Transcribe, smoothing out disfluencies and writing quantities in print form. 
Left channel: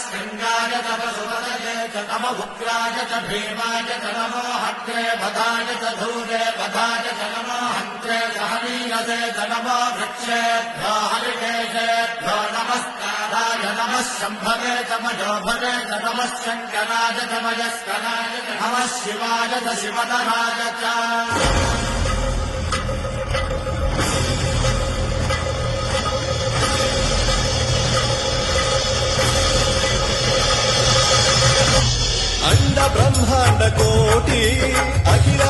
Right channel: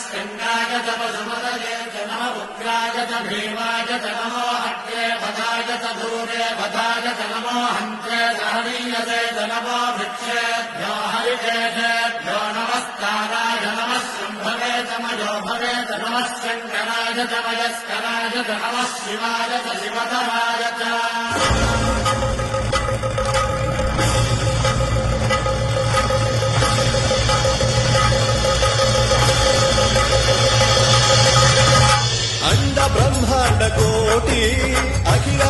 स्कन्दाय च पशुपतये च नम उग्राय च भीमाय च नमो हत्ये वधाय च धूरे वधाय च नमो हन्त्रे सहनीयते च नमो भिक्षेभ्यो हरिकेशेभ्यो नमस्काराय नमः शम्भवे च मयोभवे च नमः शङ्कराय च मयस्कराय च नमः शिवाय च शिवधराय च अंड ब्रह्मांड कोटि अखिल